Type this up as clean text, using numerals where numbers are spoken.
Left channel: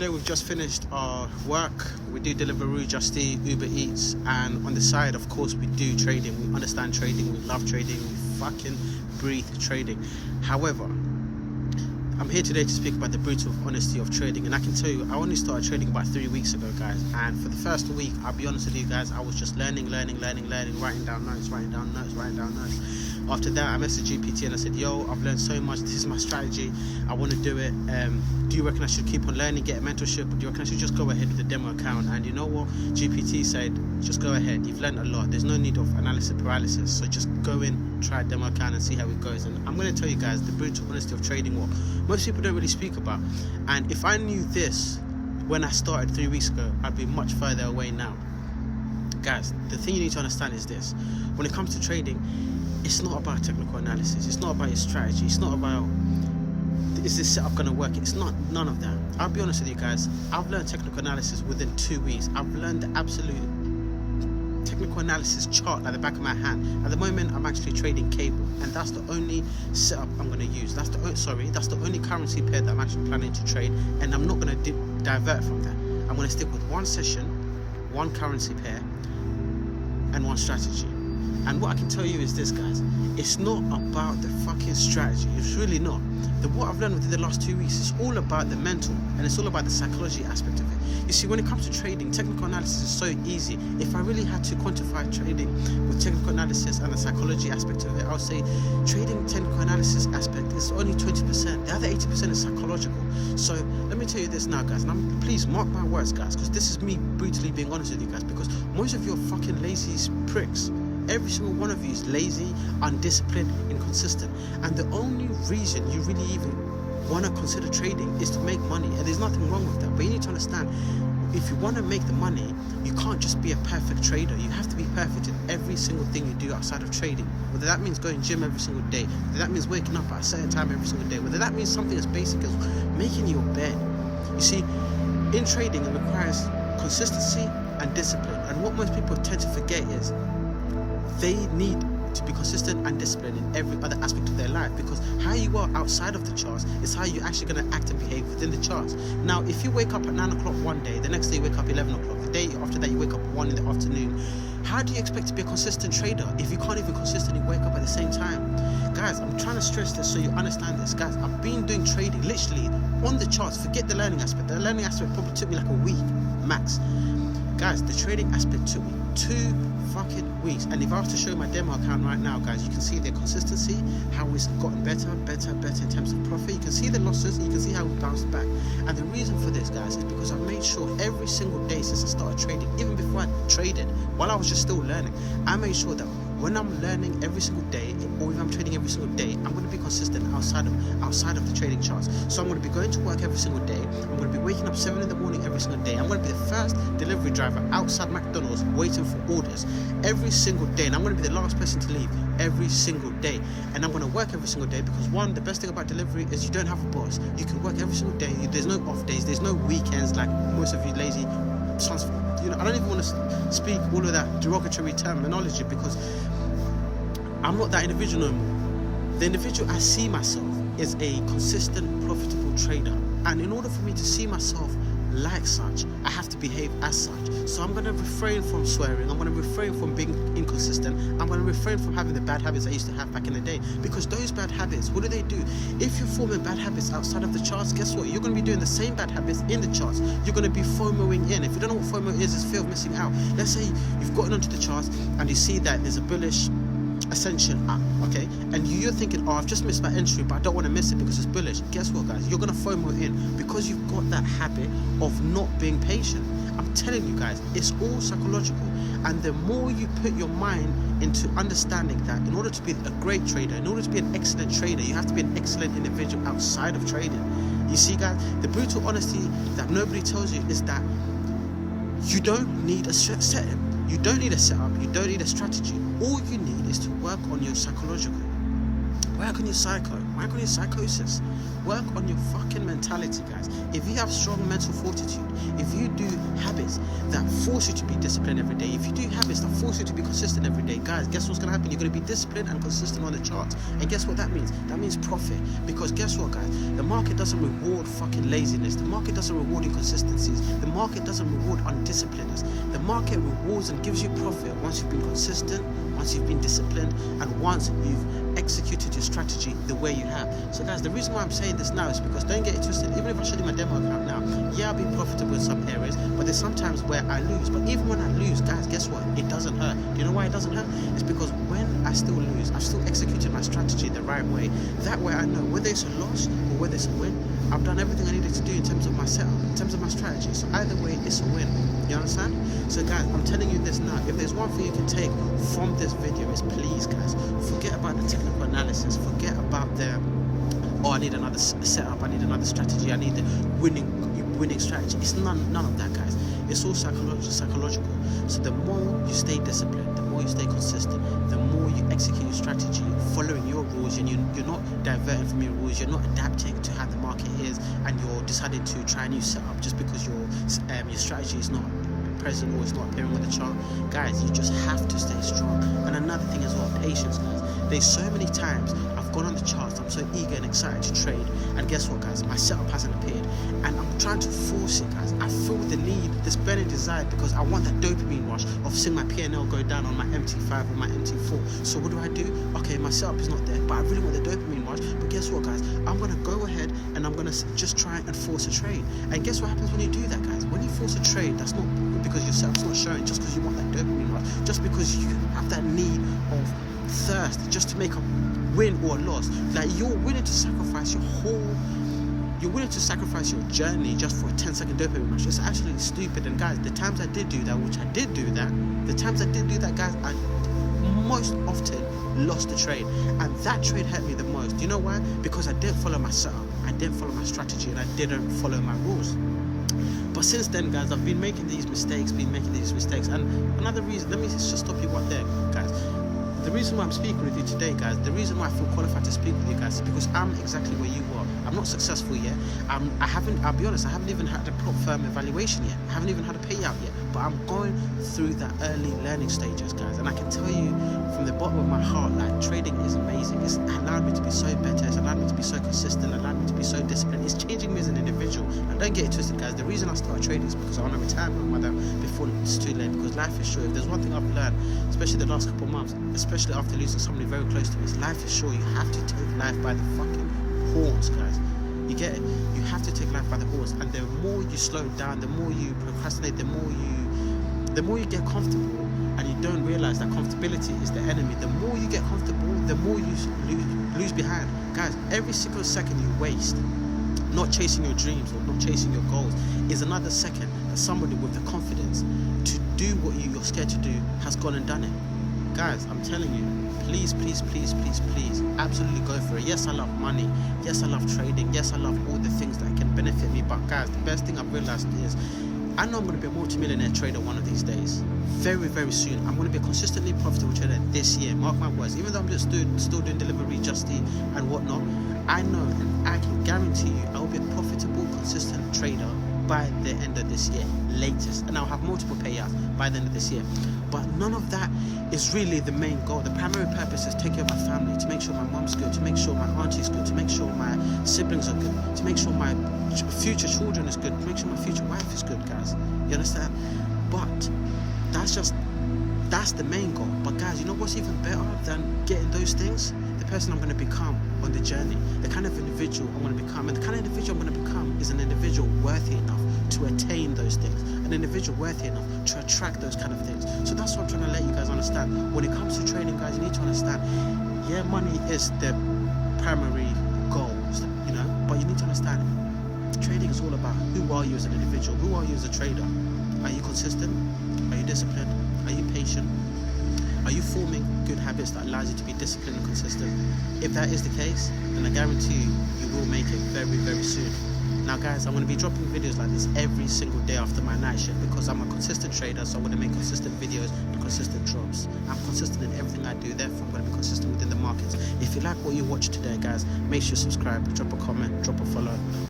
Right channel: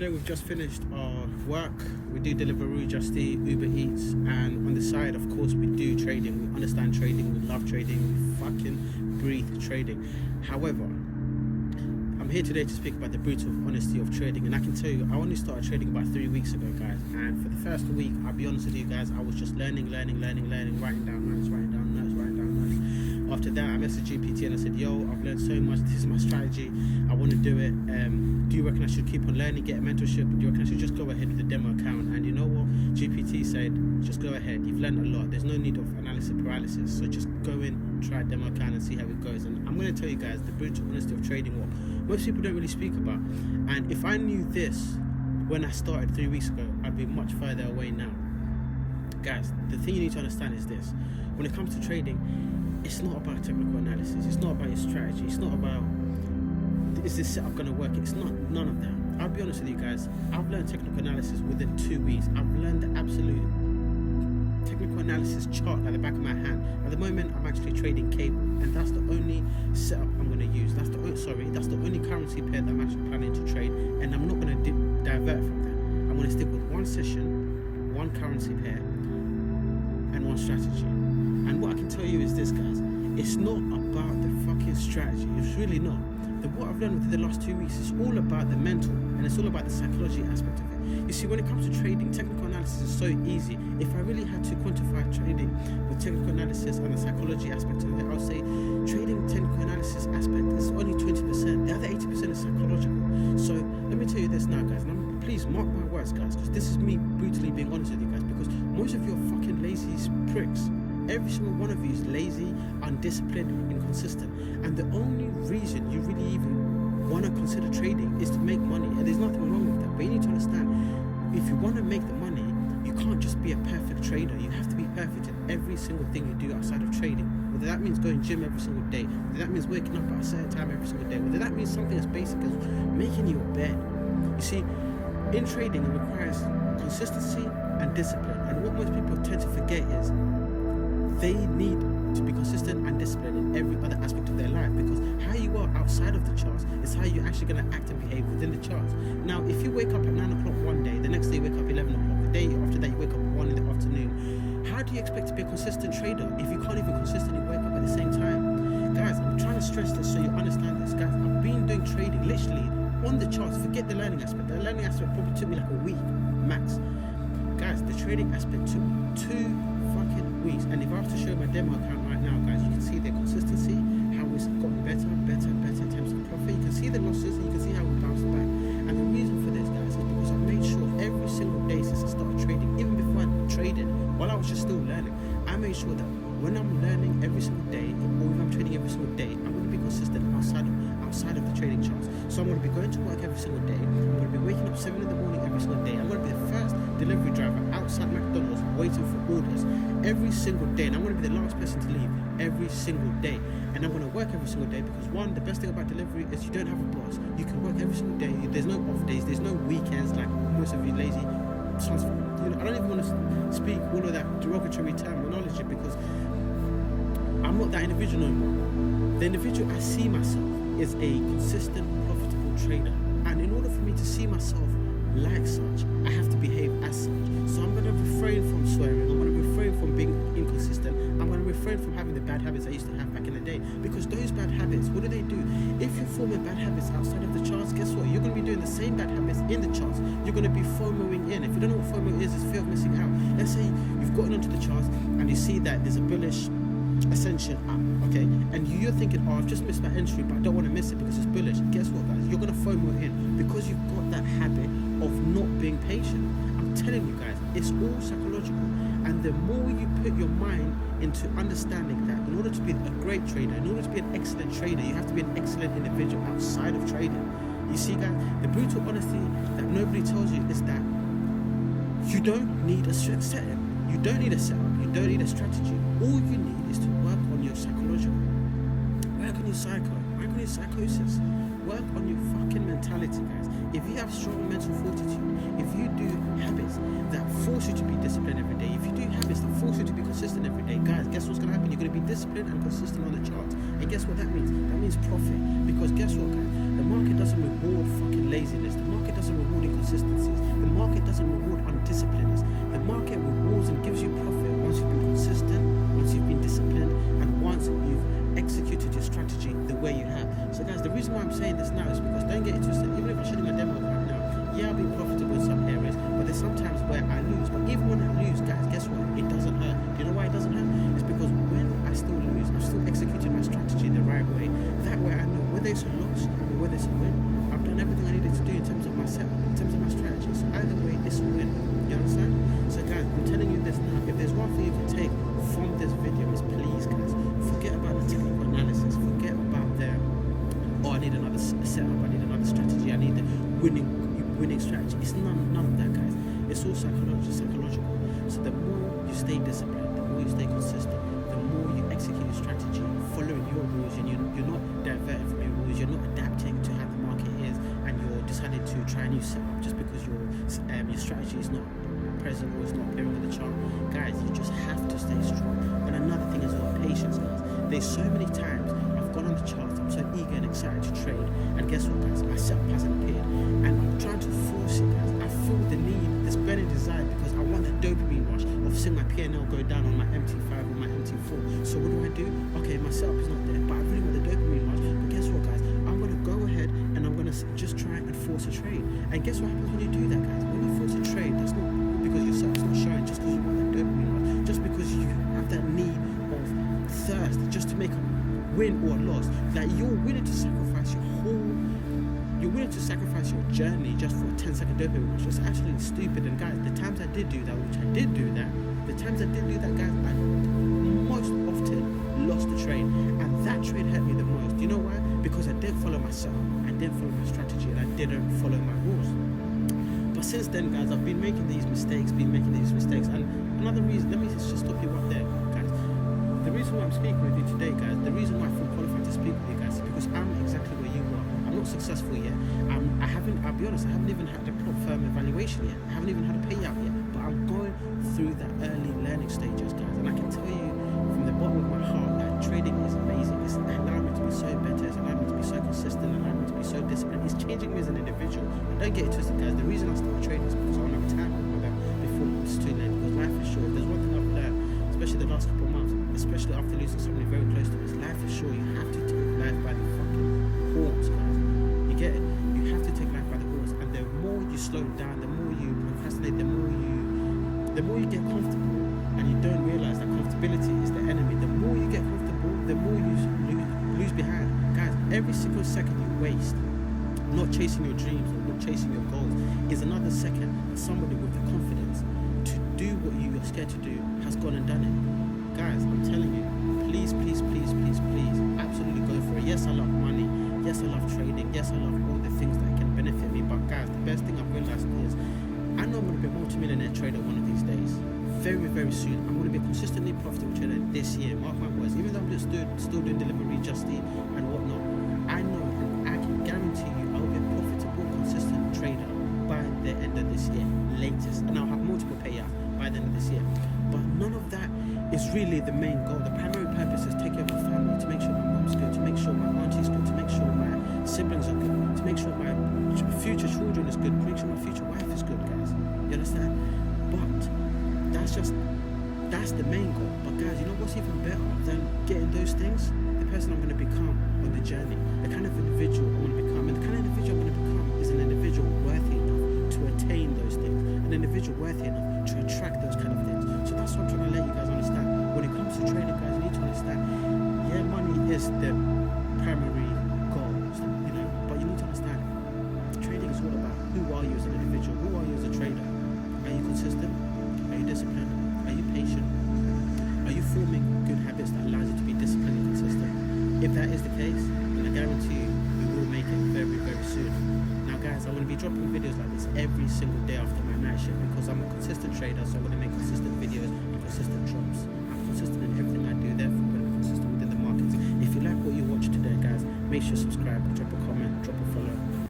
today we've just finished our work. We do Deliveroo, Just Eat, Uber Eats, and on the side, of course, we do trading. We understand trading, we love trading, we fucking breathe trading. However, I'm here today to speak about the brutal honesty of trading, and I can tell you, I only started trading about 3 weeks ago, guys, and for the first week, I'll be honest with you guys, I was just learning, writing down notes. After that, I messaged GPT and I said, yo, I've learned so much, this is my strategy, I want to do it. Do you reckon I should keep on learning, get a mentorship, or do you reckon I should just go ahead with the demo account? And you know what? GPT said, just go ahead, you've learned a lot, there's no need of analysis paralysis, so just go in, try a demo account and see how it goes. And I'm going to tell you guys the brutal honesty of trading, what most people don't really speak about. And if I knew this when I started 3 weeks ago, I'd be much further away now. Guys, the thing you need to understand is this: when it comes to trading, it's not about technical analysis, it's not about your strategy, it's not about is this setup going to work. It's not, none of that. I'll be honest with you guys, I've learned technical analysis within 2 weeks. I've learned the absolute technical analysis chart at the back of my hand. At the moment, I'm actually trading cable, and that's the only setup I'm going to use. That's the only currency pair that I'm actually planning to trade, and I'm not going to divert from that. I'm going to stick with one session, one currency pair, and one strategy. And what I can tell you is this, guys, it's not about the fucking strategy. It's really not. What I've learned within the last 2 weeks is all about the mental, and it's all about the psychology aspect of it. You see, when it comes to trading, technical analysis is so easy. If I really had to quantify trading with technical analysis and the psychology aspect of it, I would say trading technical analysis aspect is only 20%. The other 80% is psychological. So let me tell you this now, guys, and please mark my words, guys, because this is me brutally being honest with you guys, because most of you are fucking lazy pricks. Every single one of you is lazy, undisciplined, inconsistent. And the only reason you really even want to consider trading is to make money. And there's nothing wrong with that. But you need to understand, if you want to make the money, you can't just be a perfect trader. You have to be perfect in every single thing you do outside of trading. Whether that means going gym every single day, whether that means waking up at a certain time every single day, whether that means something as basic as making your bed. You see, in trading, it requires consistency and discipline. And what most people tend to forget is they need to be consistent and disciplined in every other aspect of their life, because how you are outside of the charts is how you're actually going to act and behave within the charts. Now, if you wake up at 9 o'clock one day, the next day you wake up 11 o'clock, the day after that you wake up 1 in the afternoon, how do you expect to be a consistent trader if you can't even consistently wake up at the same time? Guys, I'm trying to stress this so you understand this. Guys, I've been doing trading literally on the charts. Forget the learning aspect. The learning aspect probably took me like a week max. Guys, the trading aspect took me 2 fucking weeks. And if I was to show my demo account right now, guys, you can see the consistency, how it's gotten better in terms of profit. You can see the losses, and you can see how we bounced back. And the reason for this, guys, is because I've made sure every single day since I started trading, even before I traded, while I was just still learning, I made sure that when I'm learning every single day, or if I'm trading every single day, I'm going to be consistent outside of the trading charts. So I'm going to be going to work every single day. I'm going to be waking up 7 in the morning every single day. I'm going to be the first delivery driver outside McDonald's waiting for orders every single day, and I'm going to be the last person to leave every single day. And I'm going to work every single day because, one, the best thing about delivery is you don't have a boss. You can work every single day. There's no off days. There's no weekends like most of you lazy sons. I don't even want to speak all of that derogatory terminology because I'm not that individual no more. The individual I see myself is a consistent, profitable trader. And in order for me to see myself like such, I have to behave as such. So I'm going to refrain from swearing. I'm going to refrain from being inconsistent. I'm going to refrain from having the bad habits I used to have back in the day. Because those bad habits, what do? If you're forming bad habits outside of the charts, guess what? You're going to be doing the same bad habits in the charts. You're going to be FOMOing in. If you don't know what FOMO is, it's fear of missing out. Let's say you've gotten onto the charts and you see that there's a bullish ascension up, okay, and you're thinking, oh, I've just missed my entry, but I don't want to miss it because it's bullish. Guess what, guys? You're going to FOMO in because you've got that habit of not being patient. I'm telling you guys, it's all psychological. And the more you put your mind into understanding that in order to be a great trader, in order to be an excellent trader, you have to be an excellent individual outside of trading. You see, guys, the brutal honesty that nobody tells you is that you don't need a setup. You don't need a setup. You don't need a strategy. All you need is to work on your psychological. Work on your psycho. Work on your psychosis. Work on your fucking mentality, guys. If you have strong mental fortitude, if you do habits that force you to be disciplined every day, if you do habits that force you to be consistent every day, guys, guess what's going to happen? You're going to be disciplined and consistent on the charts. And guess what that means? That means profit. Because guess what, guys? The market doesn't reward fucking laziness. The market doesn't reward inconsistencies. The market doesn't reward undisciplinedness. The market rewards and gives you profit once you've been consistent, once you've been disciplined, and once you've executed your strategy the way you have. So guys, the reason why I'm saying this now is because, don't get it twisted, even if I show you my demo account now, yeah, I'll be profitable in some areas, but there's sometimes where I lose. But even when I lose, guys, guess what? It doesn't hurt. Do you know why it doesn't hurt? It's because when I still lose, I've still executed my strategy the right way. That way I know whether it's a loss or whether it's a win, I've done everything I needed to do in terms of my setup, in terms of my strategy. So either way, it's a win. You understand? So guys, I'm telling you this now. If there's one thing you can take from this video, is please, guys, forget about the technical analysis. Forget about the, oh, I need another setup, I need another strategy, I need the winning strategy. It's none of that, guys. It's all psychological. So the more you stay disciplined, the more you stay consistent, the more you execute your strategy, following your rules, and you're not diverting from your rules, you're not adapting to how the market is, and you're deciding to try a new setup just because your strategy is not present or it's not appearing on the chart. Guys, you just have to stay strong. And another thing as well, patience, guys. There's so many times I've gone on the charts, I'm so eager and excited to trade, and guess what, guys? My setup hasn't appeared, and I'm trying to force it, guys. I feel the need, this burning desire, because I want that dopamine rush of seeing my P&L go down on my MT5 or my MT4. So what do? Okay, my setup is not there, but I really want the dopamine rush. But guess what, guys? I'm gonna go ahead and I'm gonna just try and force a trade. And guess what happens when you do that, guys? When you force a trade, that's not because your setup's not showing, just because you want that dopamine rush, just because you have that need of thirst just to make a win or a loss. Like, you're willing to sacrifice you're willing to sacrifice your journey just for a 10-second dopamine rush. It's actually stupid. And guys, the times I did do that, guys, I most often lost the trade, and that trade hurt me the most. Do you know why? Because I didn't follow my setup, I didn't follow my strategy, and I didn't follow my rules. But since then, guys, I've been making these mistakes, and another reason, let me just stop you right there, guys. The reason why I'm speaking with you today, guys, the reason why I feel qualified to speak with you guys is because I'm exactly where you are. I'm not successful yet. I'll be honest, I haven't even had a firm evaluation yet. I haven't even had a payout yet. But I'm going through that early learning stages, guys. And I can tell you from the bottom of my heart, like, trading is amazing. It's allowed me to be so better. It's allowed me to be so consistent. Allowed me to be so disciplined. It's changing me as an individual. And don't get it twisted, guys. The reason I started trading is because I want to retire my mother before it's too late. Because life is short. If there's one thing I've learned, especially the last couple of months, especially after losing somebody very close to me, is life is short. You have to take life by the fucking horns, guys. You get it? You have to take life by the horns. And the more you slow down, the more you procrastinate, the more you get comfortable, and you don't realize that comfortability is the enemy. The more you get comfortable, the more you lose behind. Guys, every single second you waste not chasing your dreams or not chasing your goals is another second that somebody with the confidence to do what you're scared to do has gone and done it. Guys, I'm telling you, please, absolutely go for it. Yes, I love money. Yes, I love trading. Yes, I love all the things that can benefit me. But guys, the best thing I've realized is I know I'm going to be a multi-millionaire trader one of these days. Very, very soon. I'm going to be a consistently profitable trader this year. Mark my words. Even though I'm just still doing delivery, Justy and whatnot, I know and I can guarantee you I will be a profitable, consistent trader by the end of this year, latest. And I'll have multiple payouts by the end of this year. But none of that is really the main goal. The primary purpose is take care of my family, to make sure my mom's good, to make sure my auntie's good, to make sure my siblings are good, to make sure my future children is good, to make sure my future wife is good, guys. You understand? But that's the main goal. But guys, you know what's even better than getting those things? The person I'm going to become on the journey, the kind of individual I'm going to become. And the kind of individual I'm going to become is an individual worthy enough to attain those things, an individual worthy enough to attract those kind of things. So that's what I'm trying to let you guys understand. When it comes to trading, guys, you need to understand, yeah, money is the primary goal, you know, but you need to understand trading is all about who are you as an individual, who are you as a trader. Are you consistent? Are you disciplined? Are you patient? Are you forming good habits that allows you to be disciplined and consistent? If that is the case, then I guarantee you, you will make it very, very soon. Now guys, I'm going to be dropping videos like this every single day after my night shift, because I'm a consistent trader, so I'm going to make consistent videos and consistent drops. I'm consistent in everything I do, therefore I'm going to be consistent within the markets. If you like what you watched today, guys, make sure you subscribe, drop a comment, drop a follow.